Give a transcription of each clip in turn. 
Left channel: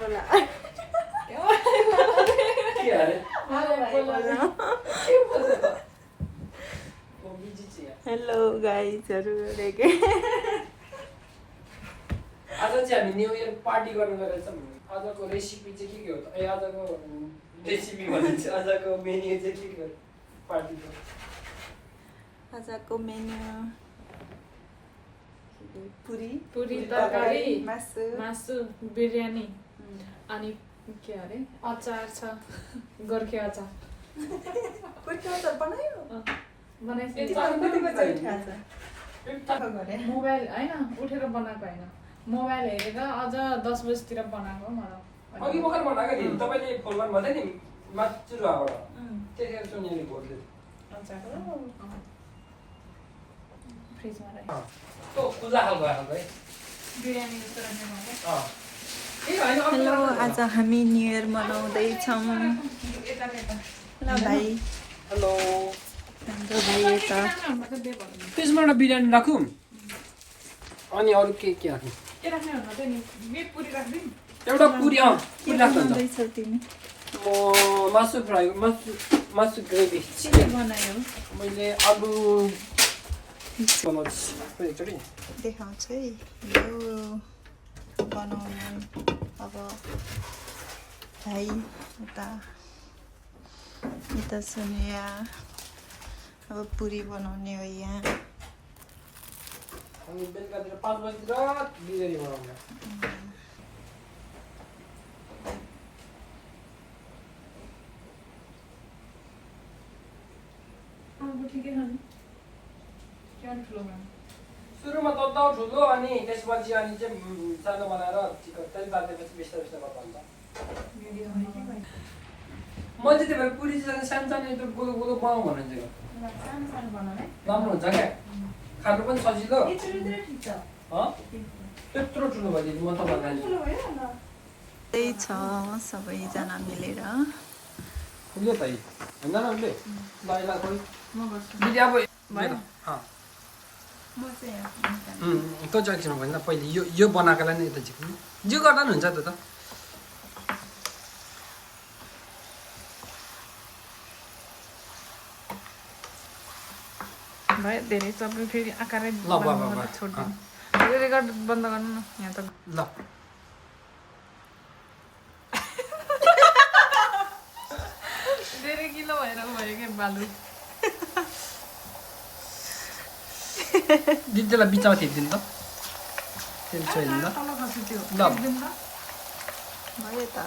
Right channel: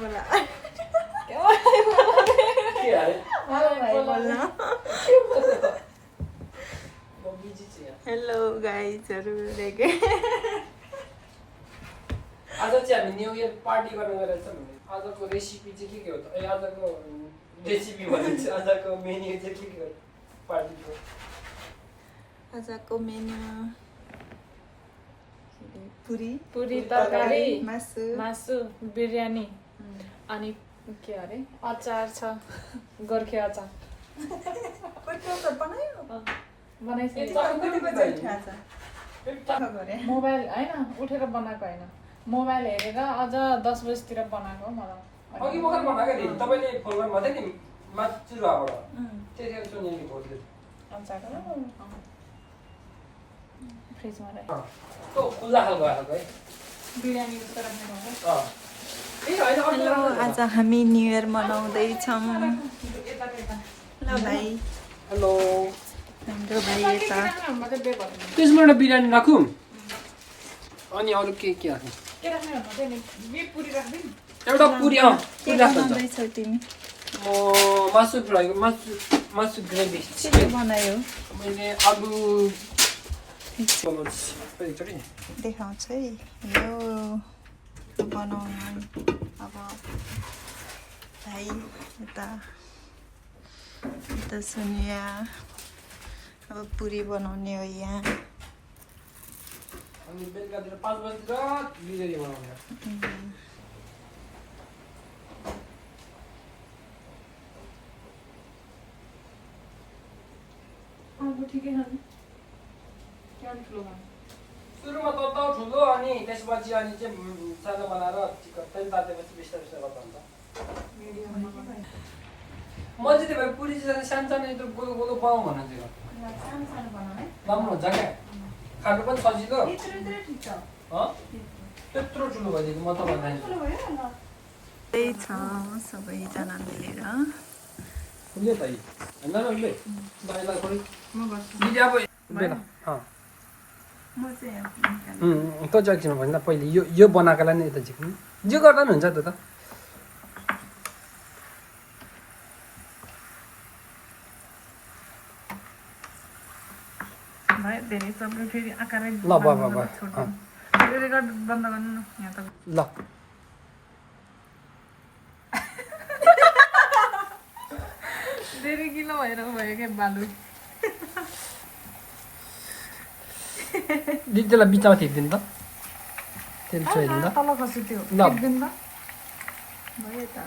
बोला के अरे हेलो गाइजहरू रेगे आज चाहिँ हामी न्यू इयर पार्टी गर्न गएको छौँ। आजको रेसिपी चाहिँ के हो त? आजको रेसिपी भनिन्छ आजको मेन्यु चाहिँ के हो पार्टीको? आजको मेन्यु पुरी पुरी तरकारी मासु बिरयानी अनि के अरे अचार छ गोर्खे अचार बनायो मोबाइल होइन उठेर बनाएको होइन मोबाइल हेरेर अझ 10 बजीतिर बनाएको मलाई अघि भर्खर बनाएको थिएँ तपाईँले फोन गर्नुभएको थियो नि मातृबाट त्यतिखेर सुनेर भोट्यो अचार फ्रिजमा राखेँ त्यो खुल्ला खालको आएको है बिरयानी जस्तो राख्नु हेलो आज हामी न्यु इयर मनाउँदैछौँ ल भाइ हेलो हाम्रो भाइ यता त्यसमा एउटा बिरयानी राखौँ अनि अरू के राख्नु के राख्ने भन्दा चाहिँ पुरी राखिदिउँ एउटा पुरी के बनाउँदैछौ तिमी म मासु फ्राई मासु ग्रेभी के बनायो मैले आलु देखाउँछु है यो बनाउनु अब भाइ यता सुनिया अब पुरी बनाउने हो यहाँ अनि बेलुकातिर 5 बजीतिर बिरयानी बनाउने ठिकै खानु क्या ठुलो खानु सुरुमा त ठुलो अनि त्यसपछि अनि चाहिँ सानो बनाएर चिकन त्यही बाँधेपछि बिस्तारै बिस्तारै गर्दा हुन्छ म चाहिँ त्यही भएर पुरी चाहिँ सानो सानो एकदम गोलो गोलो बनाउँ भन्नु चाहिँ राम्रो हुन्छ क्या खानु पनि सजिलो त्यत्रो ठुलो भइदियो म त भन्दा त्यही छ सबैजना मिलेर उसले त होइन न उसले दाइलाई खोइ दिदी अब कति एकछिन भएन पहिले यो बनाएकोलाई नै यता झिक्नु जे गर्दा पनि हुन्छ त्यो त भयो धेरै सबै फेरि आकारै ल भयो छोड्दिनु रेकर्ड बन्द गर्नु न यहाँ त ल धेरै किलो भएर भयो क्या बालु दिदीलाई बिचमा थिपिदिनु त फेरि छोइदिनु त तल खसी त्यो ल। टिप्दिनु त भयो त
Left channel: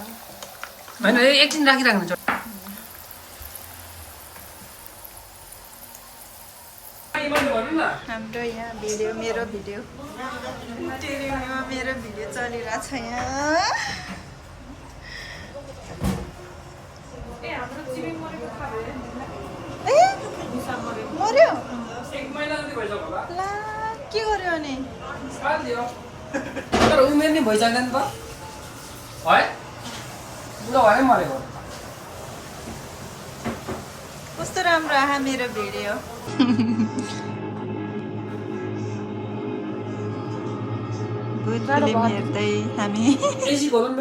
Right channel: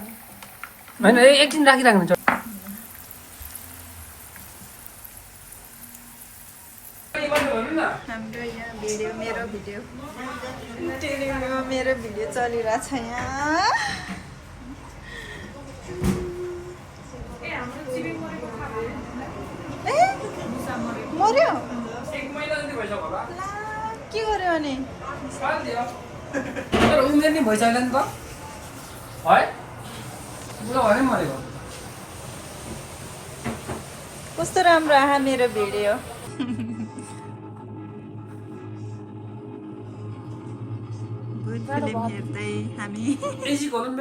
होइन एकछिन राखिराख्नुहुन्छ हाम्रो यहाँ भिडियो मेरो भिडियो टिभीमा मेरो भिडियो चलिरहेछ यहाँ ए मर्यो ला के गर्यो अनि उमेर नै भइसकेन नि त है बुढो भएर मरेको कस्तो राम्रो आहा मेरो भिडियो भूत फिल्म हेर्दै हामी बेसी गरौँ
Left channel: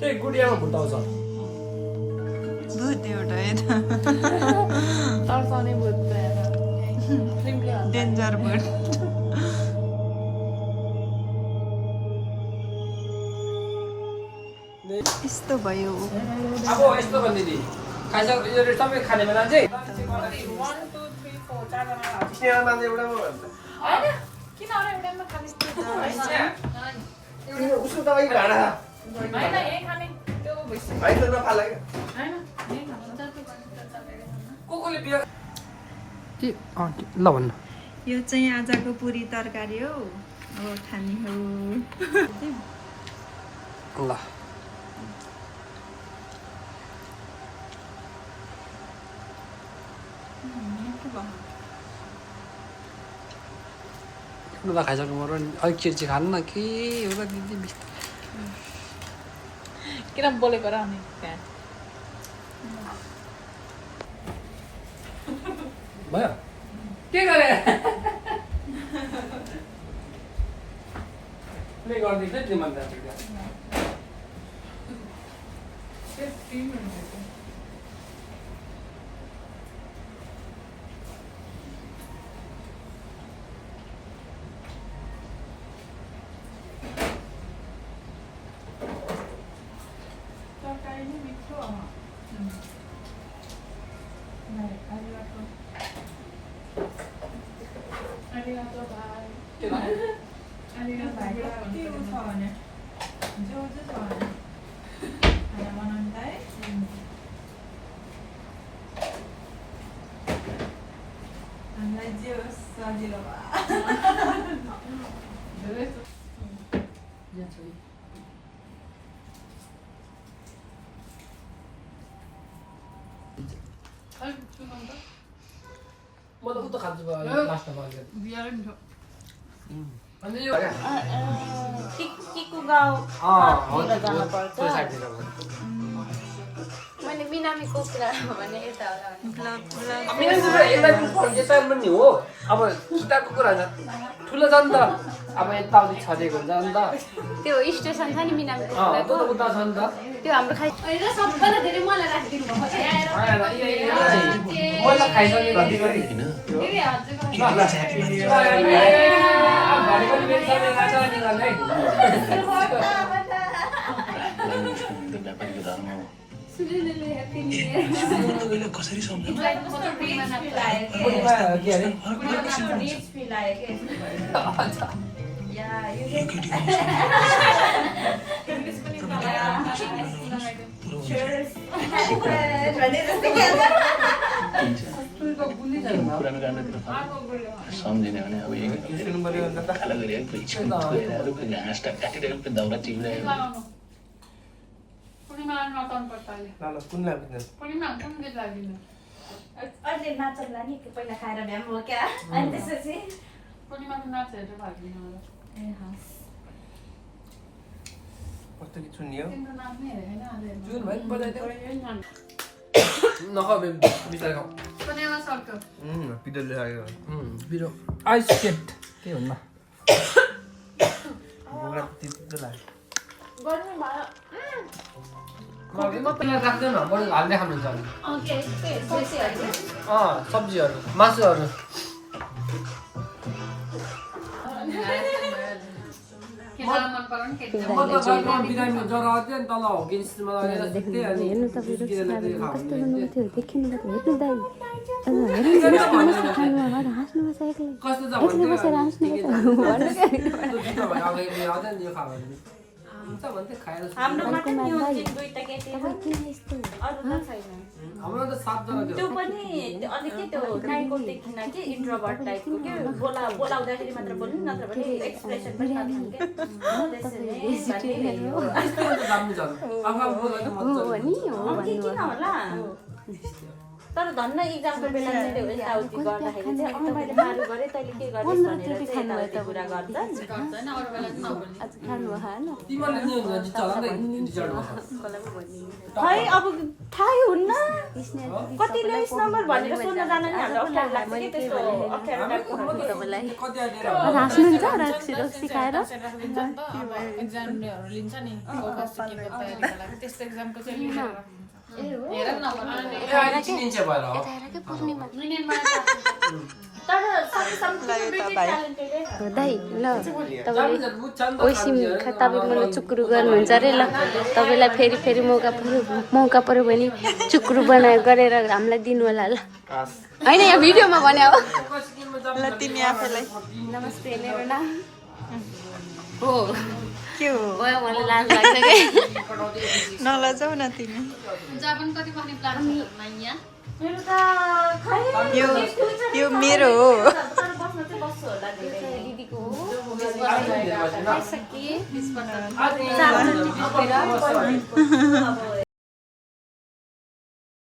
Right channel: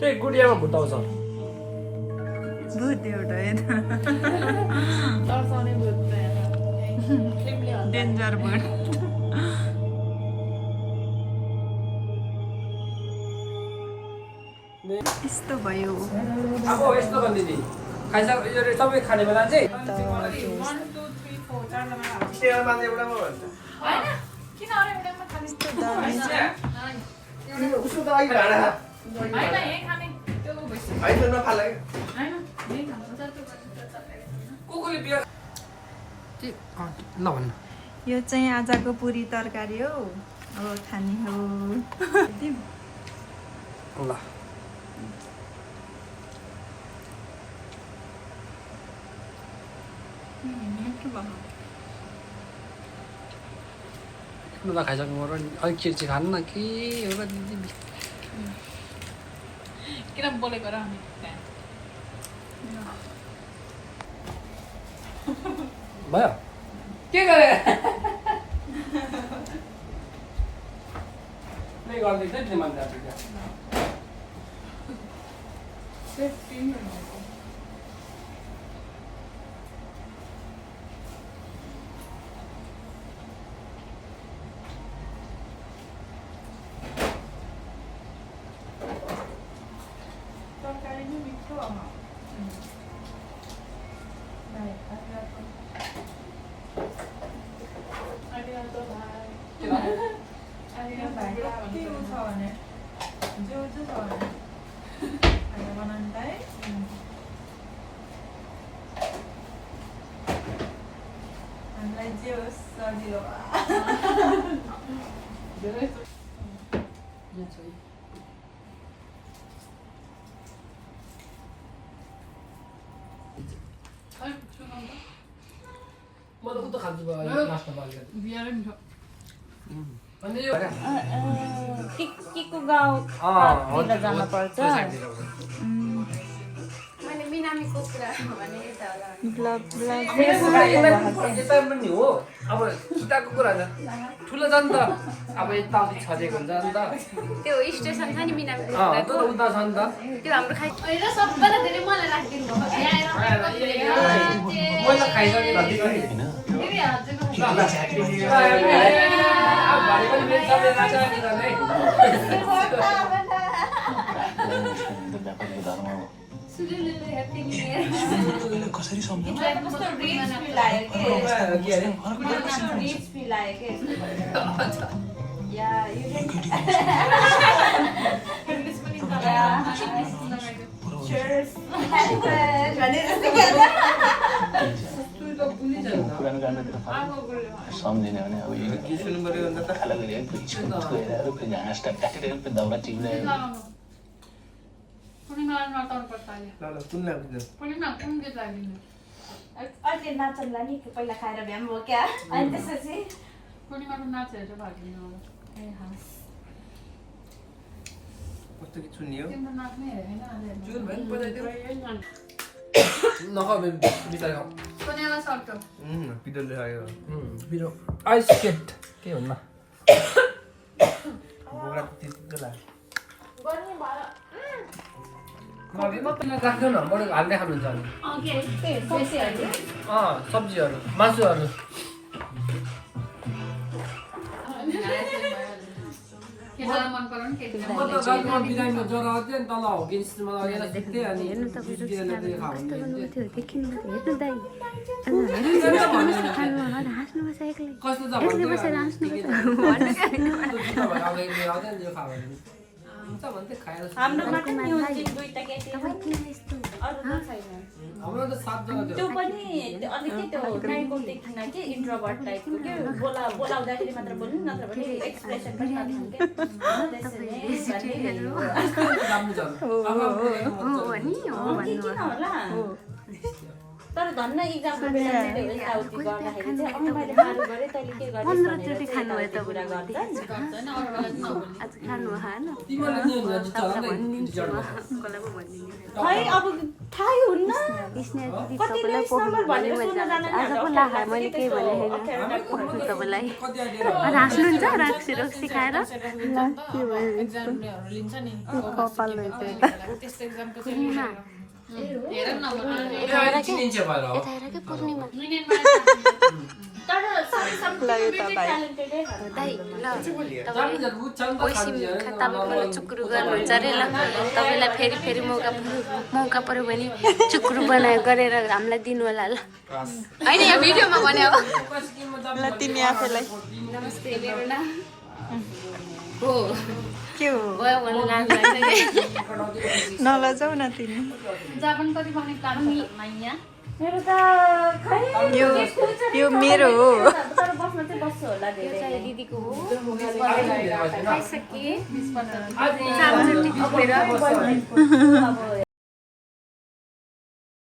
त्यही गुडियामा भुट आउँछ भूत एउटा यता तर्साउने भूत डेन्जर भूत यस्तो भयो अब यस्तो भनिदिने खाइसक्यो सबै खाने बेला चाहिँ किन अरू एउटामा खाने यस्तो दामी छ उसको त अघि भाडा होइन यही खाने त्यो भइसक्यो होइन नफाला होइन यही खान्छ कोले बियर के ल भन्नु यो चाहिँ आजको पुरी तरकारी हो खाने हो ल ठुलो त खाइसक्नु पर्यो नि अलिक चिर्ची खानु न के हो र दिदी किन बोलेको र अनि त्यहाँ भयो के गरे प्ले गर्दैछ नि तिमीले तरकारी नै मिठो हामीलाई जे होस् सजिलो म त उता खान्छु लास्टमा बाल्दै बिहारै मिठो अनि यो किकु गाउँ हो त्यो साइडतिर मैले बिनामीको कुरा भने यता होला यता पनि हो अब किताबको कुरा छ ठुलो छ नि त अब यताउति छजेको हुन्छ नि त त्यो स्टेसन छ नि बिनामीको त्यो त उता छ नि त त्यो हाम्रो खाइ र सबैलाई धेरै मलाई राखिदिनु भएको मैले खाइसकेँ कसरी सम्झ सम्झिने भने अब हाँसटा काटेर दाउरा चिन्दैन अहिले नाचनला नि पहिला खाएर भ्याम हो क्या अनि त्यसपछि पूर्णिमाको नाचहरू चाहिँ फर्किनु होला ए हस् कस्तो कि चुन्नी हो तिम्रो नाच्ने हेरेको होइन जुन भाइ आज नखाऊ बिचार खाऊ पूर्णिमा सक्यो पिडलले आयो बिरो आइस केट के भन्नु बोक्रा त्यति लाग्यो राख्दैन बरु हाल्दै खानुहुन्छ सब्जीहरू मासुहरू मन पर्यो नि केटी म त गाउँमा बिरामीमा ज्वरो आउँथ्यो नि तल हो किन्समा लगेर सुत्थेँ अनि कस्तो छ हाम्रोमा त नि दुईटा केटी अरू त छैन हाम्रो त 7 जना त्यो पनि अलिक के त्यो नाइको देखिन कि इन्ट्रोभर्ट टाइपको के बोलाउँदाखेरि मात्र बोल्नु नत्र भने एक्सप्रेसन पनि नदिनु के किन होला तर धन्न इक्जामको बेला चाहिँ त्यो यताउति गर्दाखेरि चाहिँ मैले मारु गरेँ तैँले के गरिस् भनेर चाहिँ यताउति कुरा गर्छ होइन अरू बेला चाहिँ नबोल्ने आज खानु होइन तिमीले नि खै अब थाहै हुन्न स्नेह दिदी कतिले इस नम्बर भनेर सोध्न जान नि हाम्रो मैले के भने अप्ठ्यारो टाइपको तपाईँलाई हाँस्नुहुन्छ रक्सी रक्सी खाएर एक्जामहरू लिन्छ नि त्यस्तो एक्जामको चाहिँ हेर न यता आएर के पूर्णिमा तर ओइसिम तपाईँले चुक्रू गर्नुहुन्छ अरे ल तपाईँलाई फेरि फेरि मौका पऱ्यो भने चुक्रू गरेर हामीलाई दिनु होला ल होइन यो भिडियोमा भने अब ल तिमी आफैलाई नमस्ते लेना हो के हो गयो मलाई लाज लाग्छ कि नलजाऊ न तिमी जापान कति पाउने प्लान छ यहाँ मेरो त यो मेरो हो दिदीको हो आज खाइसके चामचुटी टिपेर